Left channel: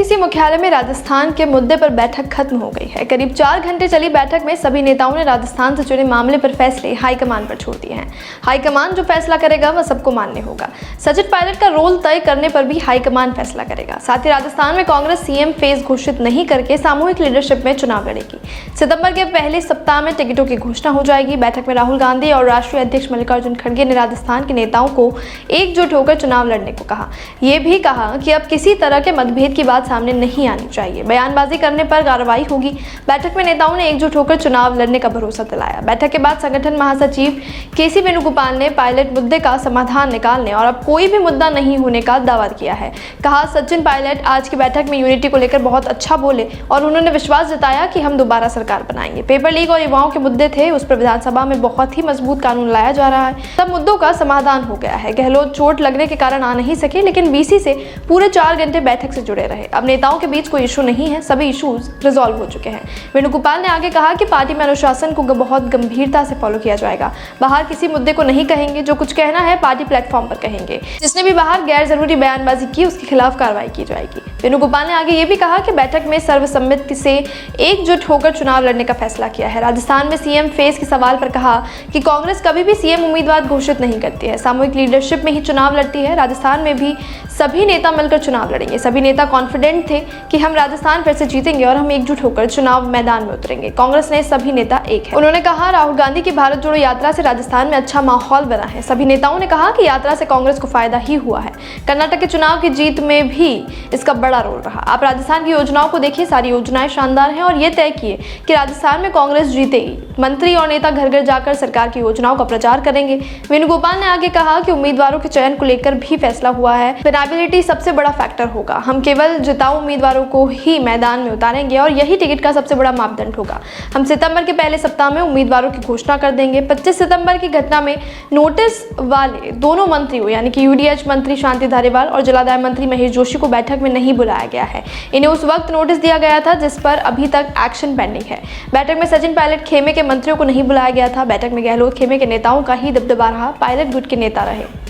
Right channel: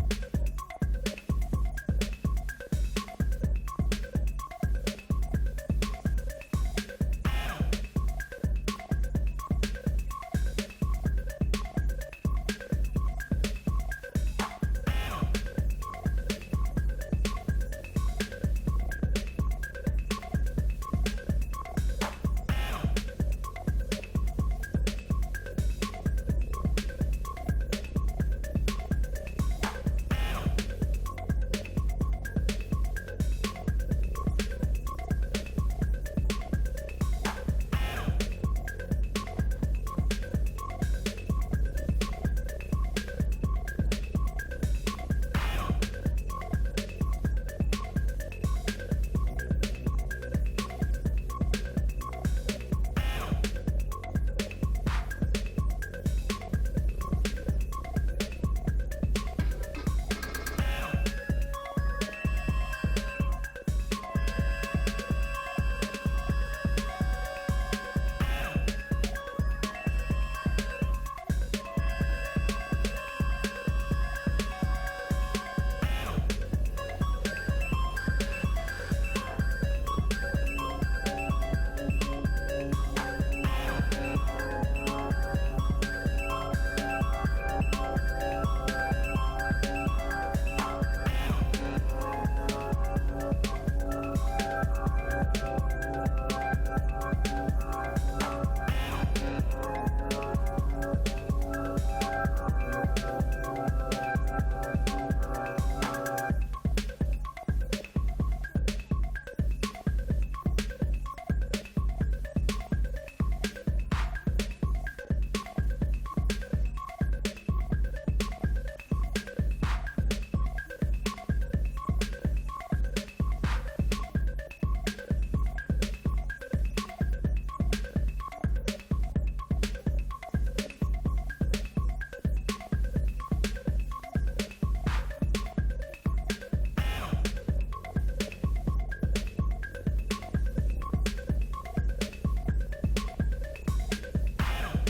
AICC मुख्यालय में राजस्थान के मुद्दे पर बैठक खत्म हो गई है। करीब 4 घंटे चली बैठक में सभी नेताओं ने राजस्थान से जुड़े मामले पर फैसले हाईकमान पर छोड़ दिए हैं। हाईकमान जो फैसला करेगा वह सबको मान्य होगा। सचिन पायलट का रोल तय करने पर भी हाईकमान फैसला करेगा। साथ ही राजस्थान में कांग्रेस सीएम फेज घोषित नहीं करके सामूहिक लीडरशिप में चुनाव लड़ेगी। सितंबर के पहले सप्ताह में टिकटों की घोषणा हो जाएगी। बैठक में राहुल गांधी और राष्ट्रीय अध्यक्ष मल्लिकार्जुन खड़गे ने राजस्थान के नेताओं को एकजुट होकर चुनाव लड़ने को कहा। ये भी कहा कि अब किसी तरह के मतभेद की बात सामने नहीं आनी चाहिए। बयानबाजी करने पर कार्रवाई होगी। बैठक में नेताओं ने एकजुट होकर चुनाव लड़ने का भरोसा दिलाया। बैठक के बाद संगठन महासचिव केसी वेणुगोपाल ने पायलट मुद्दे का समाधान निकालने और अब कोई भी मुद्दा नहीं होने का दावा किया है। कहा, सचिन पायलट आज की बैठक में यूनिटी को लेकर बहुत अच्छा बोले और उन्होंने विश्वास जताया कि हम दोबारा सरकार बनाएंगे। पेपर लीक और युवाओं के मुद्दे थे, उस पर विधानसभा में बहुत ही मजबूत कानून लाया जा रहा है। सब मुद्दों का समाधान हो गया है। गहलोत चोट लगने के कारण आ नहीं सके, लेकिन बीसी से पूरे 4 घंटे बैठक से जुड़े रहे। अब नेताओं के बीच कोई इशू नहीं है, सभी इश्यूज रिजॉल्व हो चुके हैं। वेणुगोपाल ने आगे कहा कि पार्टी में अनुशासन को बहुत गंभीरता से फॉलो किया जाएगा। बाहर किसी मुद्दे को नहीं कहेंगे, जो कुछ कहना है पार्टी प्लेटफॉर्म पर कहेंगे। जिसने भी बाहर गैर जरूरी बयानबाजी की उसके खिलाफ कार्रवाई की जाएगी। वेणुगोपाल ने आगे ये भी कहा कि बैठक में सर्वसम्मति से एकजुट होकर चुनाव लड़ने का फैसला किया है। राजस्थान में सीएम फेज के सवाल पर कहा कि कांग्रेस कभी भी सीएम उम्मीदवार घोषित नहीं करती है, सामूहिक लीडरशिप में ही चुनाव लड़ती है। राजस्थान में भी सभी नेता मिलकर चुनाव लड़ेंगे। सभी नेता कॉन्फिडेंट थे कि हम राजस्थान फिर से जीतेंगे और हम एकजुट होकर चुनाव मैदान में उतरेंगे। कांग्रेस ने सभी नेता एक है। उन्होंने कहा, राहुल गांधी की भारत जोड़ो यात्रा से राजस्थान में अच्छा माहौल बना है। सभी नेताओं ने कहा कि यात्रा से कांग्रेस को फायदा ही हुआ है। कर्नाटक के चुनाव की जीत में भी इसका बड़ा रोल रहा। आप राजस्थान की योजनाओं को देखिए, सारी योजनाएं शानदार हैं और ये तय किए कि राजस्थान में कांग्रेस जीतेगी। मंत्री और नेता घर घर जाकर सरकार की योजनाओं का प्रचार करेंगे। वेणुगोपाल ने आगे कहा कि उम्मीदवारों के चयन को लेकर भी फैसला हुआ है। विनेबिलिटी सबसे बड़ा फैक्टर होगा। हम केवल जिताऊ उम्मीदवारों को ही मैदान में उतारेंगे और यही टिकट का सबसे बड़ा मापदंड होगा। हम सितंबर के पहले सप्ताह में उम्मीदवारों की घोषणा कर देंगे। 25 सितंबर की घटना में नोटिस वाले दोनों मंत्रियों यानी कि यूडीएच मंत्री शांति धारीवाल और जलादाय मंत्री महेश जोशी को बैठक में नहीं बुलाया गया है। इन्हें उस वक्त नोटिस दिया गया था जिस पर अभी तक एक्शन पेंडिंग है। बैठक में सचिन पायलट खेमे के मंत्रियों को नहीं बुलाया गया था। बैठक में गहलोत खेमे के नेताओं का ही दबदबा रहा, पायलट गुट के नेता रहे।